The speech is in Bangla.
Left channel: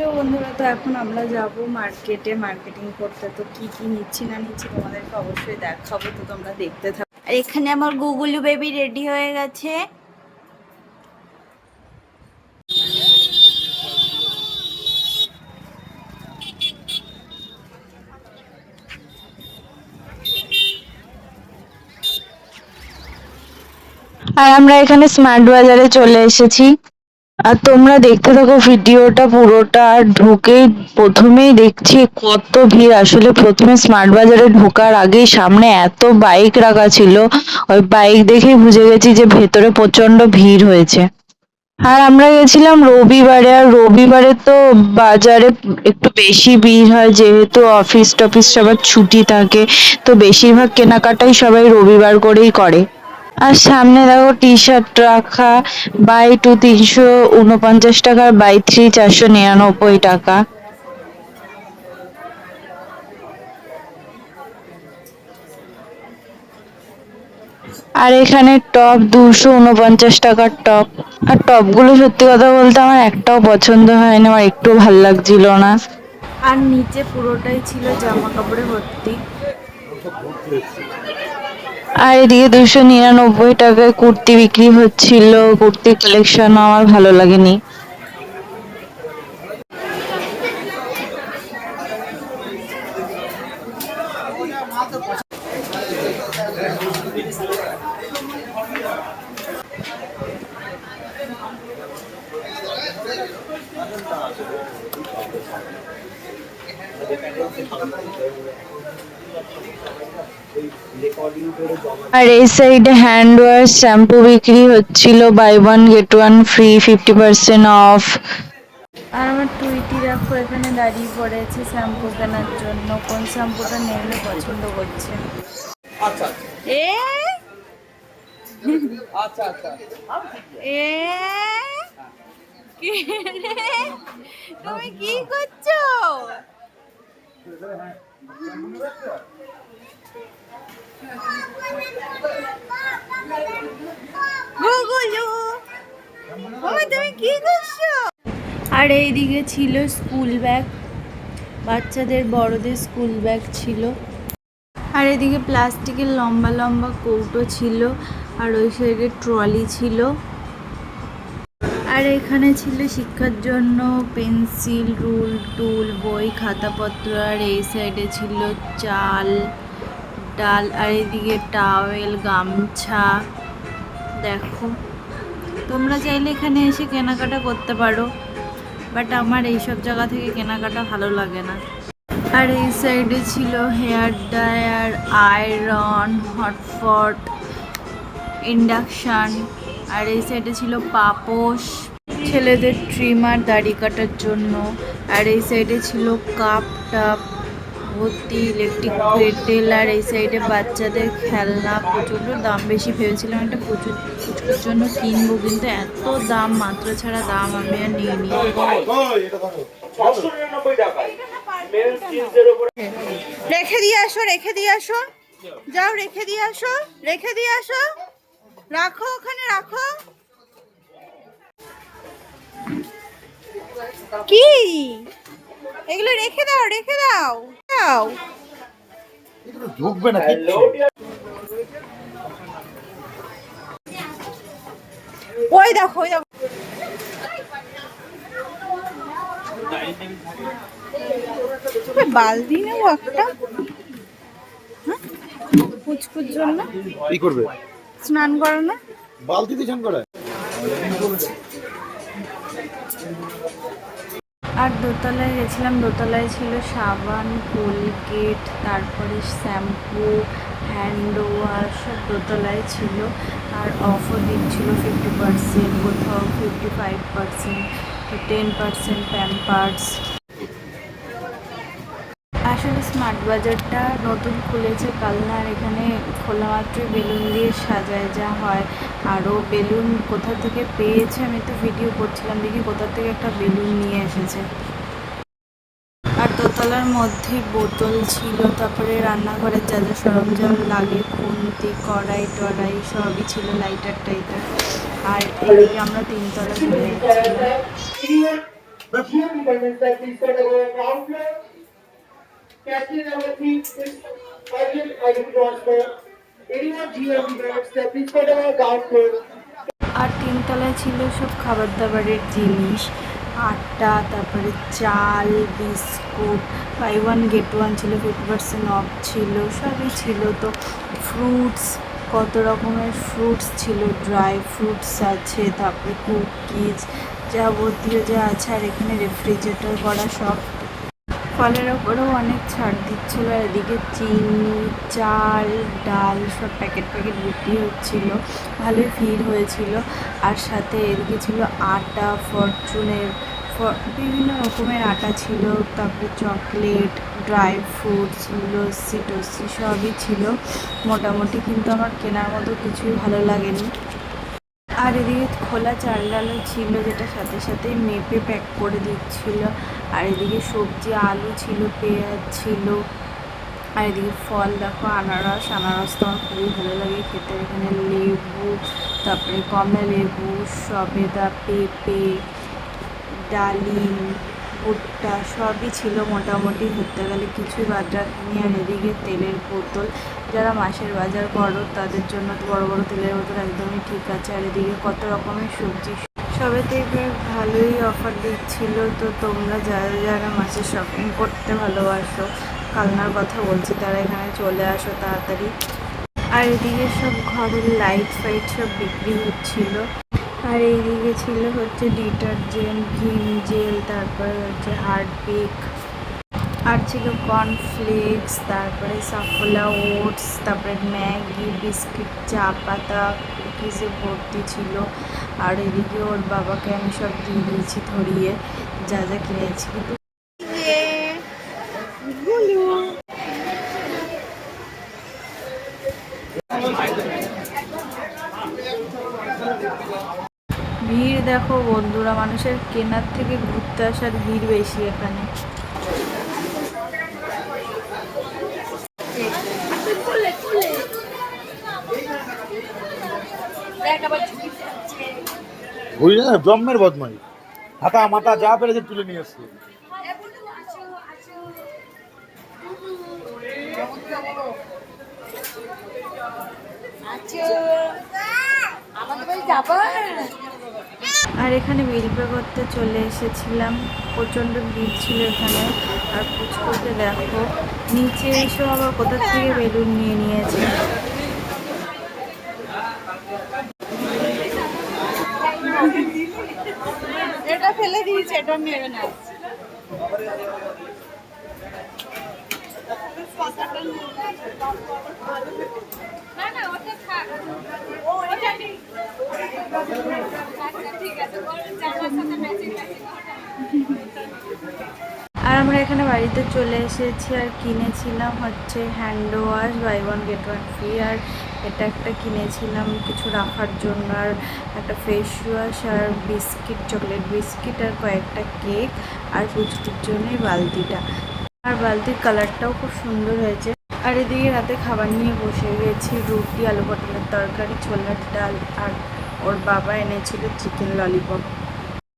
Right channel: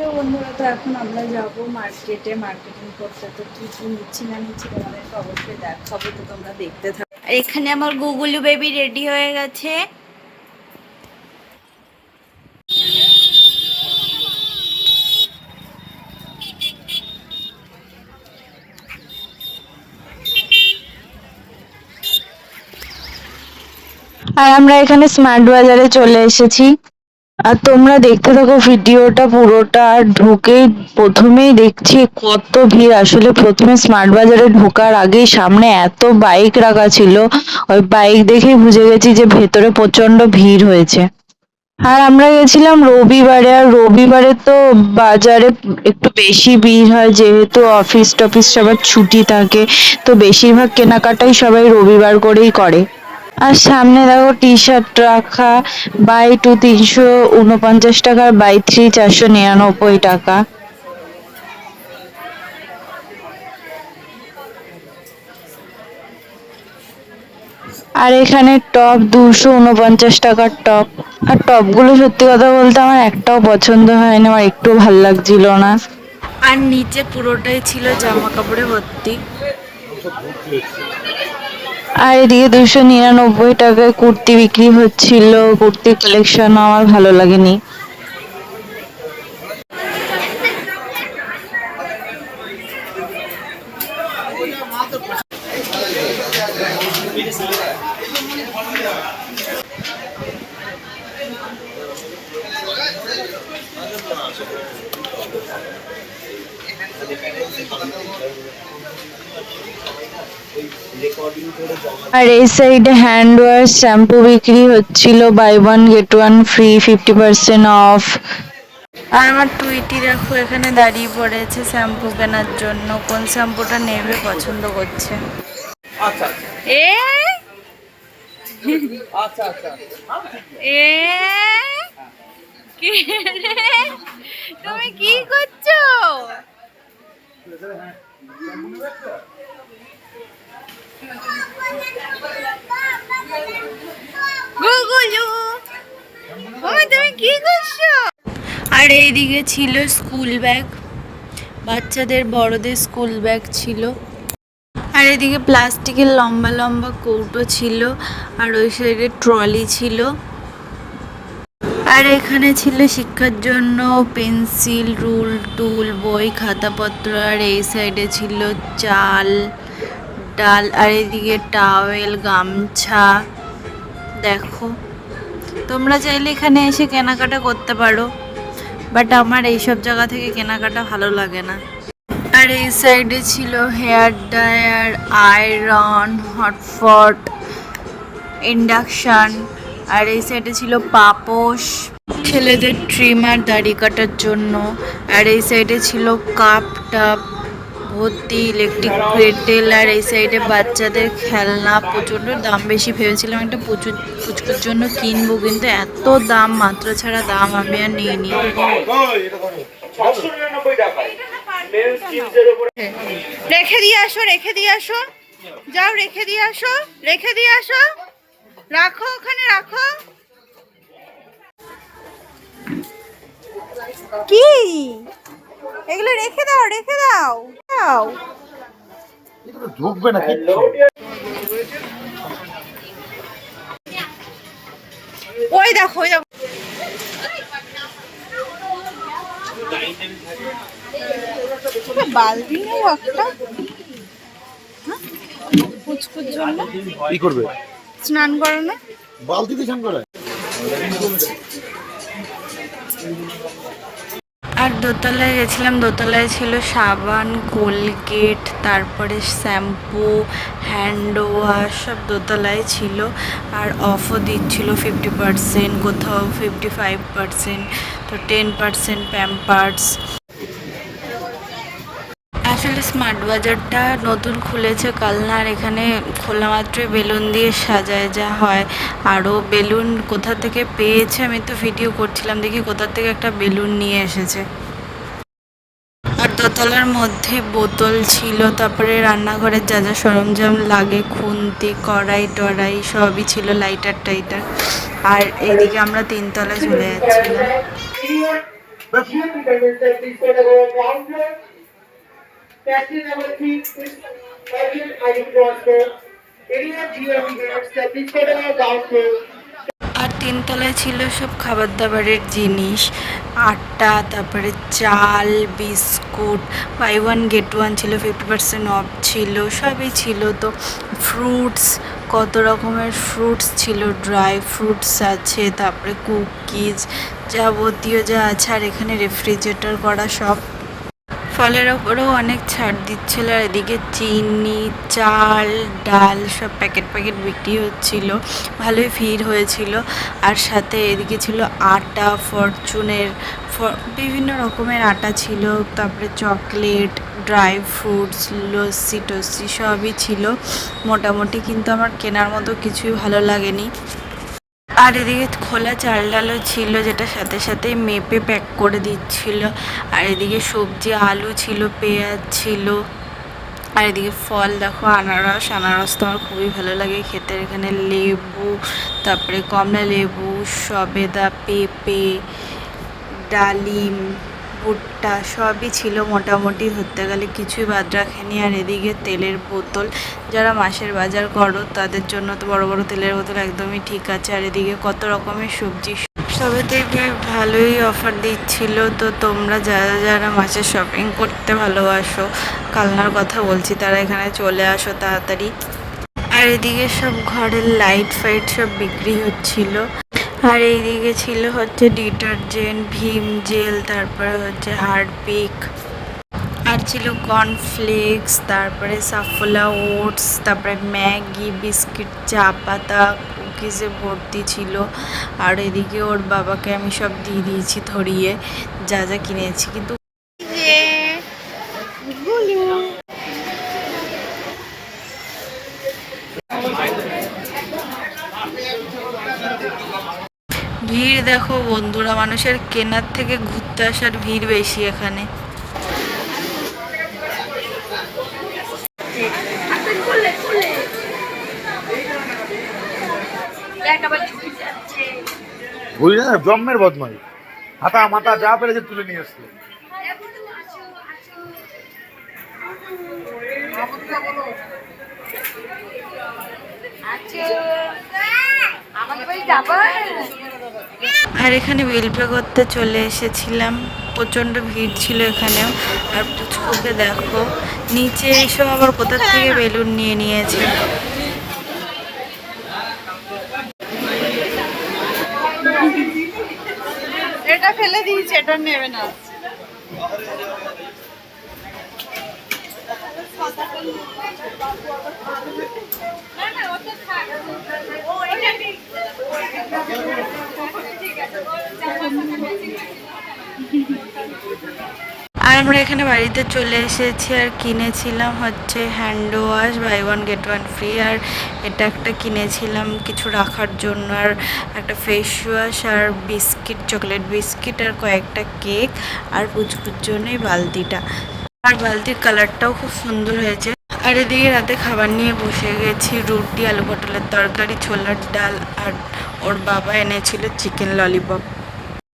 তো বন্ধুরা, তো এখন আমরা যাব মার্কেটে মার্কেটিং করতে। তো কি কি নিচ্ছি না নিচ্ছি তোমাদেরকে অবশ্যই দেখাবো। তো তোমরা দেখতে থাকো। আর এখানে আমার গুগলু বেবি রেডি হয়ে গেছে। আর আমরা এখানে স্মার্ট বাজারে চলে এসেছি। আর তোমরা দেখতে থাকো ভিডিওটা পুরোটা, আর ঢুকেই প্রথমেই দেখছি কত ভিড়। আসলে প্রথমে স্মার্ট বাজারে ঢোকার আগেই সামনে এত বাইক রাখা ছিল, ওই বাইক দেখেই বুঝে গেছি যে ভেতরে প্রচণ্ড ভিড় হয়েছে। আর আমরা গেছিলাম রবিবারে, আর রবিবারে তো বাজারে একটু বেশি ভিড় হয়, যেহেতু অফিস টফিস সবার ছুটি থাকে, তো বেশিরভাগ কেনাকাটাই সবাই রবিবার করেই করে। আর সামনে দেখো টি শার্ট রাখা বাই টু তিনশো উনপঞ্চাশ টাকার বাই থ্রি চারশো নিরানব্বই টাকা। আর এখানে টপ দুশো উনপঞ্চাশ টাকার টপ আর টপগুলো সত্যি কথা বলতে আমার একটাও পছন্দ হয়নি, আমার একটু ভালো লাগছিল না। আর নিচে পুরোটাই ছিল জামা কাপড়ে ভর্তি। আর এদিকে দুশো নিরানব্বই টাকায় কুর্তি বিক্রি হচ্ছিল। কুর্তি কালেকশন আমার ভালো লাগেনি। আর এই সাইডে হ্যান্ড ওয়াশ শ্যাম্পু বিক্রি হচ্ছিল buy one get one free fifty percent off আর আমার টুইটি দেখো, এখানে দাঁড়িয়ে পড়েছে শ্যাম্পু কেনার জন্য। কোন শ্যাম্পুটা নেবে, পছন্দ করছে? এ? তুমি কি করছ? আর এইদিকে ছিল স্কুল ব্যাগ, বাচ্চাদের, বড়দের স্কুল ব্যাগ ছিল। আর এদিকে প্লাস্টিকের লম্বা লম্বা কৌটো ছিল, আর ওই সাইডে ট্রলি ছিল। আর এখানে ছিল শিক্ষার জন্য পেন্সিল, রুল, টুল, বই, খাতাপত্র, আর এই সাইডে ছিল চাল, ডাল, আর এদিকে টাওয়েল, গামছা। দেখো, তোমরা চাইলে এখানে এসে কেনাকাটা করতে পারো, বাট আমার এইসব জায়গা থেকে কেনাকাটা ভালো লাগে না। আর এই সাইডে ছিল হেয়ার ড্রায়ার, আয়রন হটফট ইন্ডাকশান। আর এই সাইডে ছিল পাপোশ। ছেলেদের ট্রিমার দাড়ি কাটার জন্য। আর এই সাইডে ছিল কাপ টাপ ভর্তি ইলেকট্রিক কেটেল আর এই সাইডে বাচ্চাদের খেলনা। প্রচণ্ড দাম বেশি ভেবেছিলাম একটা প্রচুর পুচকুর জন্য কিনবো, কিন্তু এত দাম, মাত্রা ছাড়া দাম আমি আর নিয়ে নিই রেখে দিয়ে আসো, রেখে দিয়ে আসো। যাও, রেখে দিয়ে আসো, রেখে দিয়ে আসো। রাখো ওখানে রাখো। কি? এগুলো রেখে দাও রেখে দাও। দাও। এগুলো ঢুকবে না কিচ্ছু। ওই দেখো ওই দেখো। বালতি নেই একটা? হ্যাঁ? পুচকুর জন্য? কি করবে? স্নান করো না? বালতিতে স্নান করে আর দোতলায় গেছিলাম দোতলায় ছিল সাবান কোলগেট তারপরে শ্যাম্পু হ্যান্ড ওয়াশ সব দোতলায় ছিল। আর অফও দিচ্ছিল ফিফটি পার্সেন্ট কোথাও ফিফটি ফাইভ পার্সেন্ট তো টেন পার্সেন্ট প্যাম্পার্স স্মার্ট বাজারটা নতুন খুলেছে। কালনার এখানে খোলা মাত্রই বেলুন দিয়ে সাজায় যা হয়। আরও বেলুন কোথা থেকে পেয়েছে আমি তো ভিডিও করছিলাম। দেখি কোথা থেকে একটা বেলুন নিয়ে এসেছে। আর দোতলার মধ্যে বোতল ছিল, তারপরে রান্নাঘরের যা যা সরঞ্জাম লাগে, খুন্তি, কড়াই, টড়াই সবই ছিল লাইটার টাইটার। আর এদিকে আমরা তিনতলা চলে যাচ্ছিলাম। আর তিনতলায় ছিল সব খাবার দাবারের জিনিস। আটা তারপরে চাল, biscuit, buy one, get one ছিল ফিফটি পার্সেন্ট অফ ছিল, সবই ছিল। তো ফ্রুটস কত রকমের ফ্রুটস ছিল ড্রাই ফ্রুটস আছে, তারপরে কুকিজ যাবতীয় যা আছে, আর এখানে রেফ্রিজারেটর করা সব। ফলের ওপরেও অনেক ছাড় দিচ্ছিল। আর এদিকে চিনি, চাল, ডাল সব প্যাকেট প্যাকেট বিক্রি হচ্ছিল। ভালোই ভিড় হয়েছিল। আর সাথে এদিকে ছিল আটা, ফরচুনের বিভিন্ন রকমের আটা ছিল। তারপরে চকলেট, ড্রাই ফ্রুটস লস্যি টস্যি সবই ছিল। মোটামুটি কিন্তু আমার কেনার মতো কিছুই ভালো লাগেনি। আর এদিকে খোলা চাল ডালও ছিল, যেটা সাথে সাথেই মেপে প্যাক করে দিচ্ছিল। আর এদিকে সবজি, আলু ছিল, পেঁয়াজ ছিল। আর এদিকে ফল, দেখো, আনারস। আনারস তো আমার খুবই ভালো লাগে খেতে। এখানে লেবু, তারপরে কমলা লেবু, সবেদা, পেঁপে, ডালিম ভুট্টা সবই ছিল মোটামুটি ধরতে গেলে কিছুই বাদ রাখেনি। আর এদিকে তেলের বোতল যারা মাসের বাজার করো, তাদের জন্য তো বড় বড় তেলের বোতল একদমই ঠিক আছে। আর এদিকে কত রকমের সবজি সবেতেই বেশ ভালোই অফার দিচ্ছিল। তো তোমরা যারা যারা মাসে শপিং করতে ভালোবাসো, কালনার কথা বলছি, তারা এখানে চলে আসো তাড়াতাড়ি। আর এদিকে সব ঘরের লাইট ফাইট সব বিক্রি হচ্ছিল। আর এইদিকে ছিল হচ্ছে ডিটারজেন্ট, ভীম জেল, তারপরে হচ্ছে হারপিক আর ছিল কর্নফ্লেক্স, তারপরে সাফোলা ওটস, তারপরে ম্যাগি, বিস্কিট, চা পাতা, কুকিজে ভর্তি ছিল। আর এদিকে ওর বাবাকে আমি সব দিয়ে দিয়েছি ধরিয়ে, যা যা কিনেছি। কিন্তু ভিড় দেখো বন্ধুরা মানুষের কেনার থেকে ঘুরতে আসার ভিড় বেশি এখানে। বুঝলি না জন্মের বদমাই হাতা মাথা যা পেরেছে তুলে নিয়ে আসছে। আর এখানে বিল পে করতে চলে এসেছিলাম। প্রচণ্ড ভিড় ছিল এখানে। আর পুচকুকে দেখো, নিচে এসব আবার কোথা থেকে বেলুন নিয়ে নিয়েছে? এটা ফেলে দিয়েছে, এটা নেবে না। আর আমরা এখানে বাড়িতে চলে এসেছি আর কিনেছিলাম হচ্ছে hand wash buy one get one free আর এটা একটা কিনেছিলাম কিছু রাখার জন্য আর একটা ফেস ওয়াশ আর বিস্কিট চকলেট বিস্কিট আর কয়েকটা কেক আর পুচকুর জন্যই বালতিটা। আর বালতির কালারটাও খুব সুন্দর হয়েছে। আর এদিকে রাতে খাবার নিয়ে বসে গেছি, রুটি, আলু পটলের তরকারি, ছোলার ডাল আর ওর বাবা এনেছিল চিকেন ললিপপ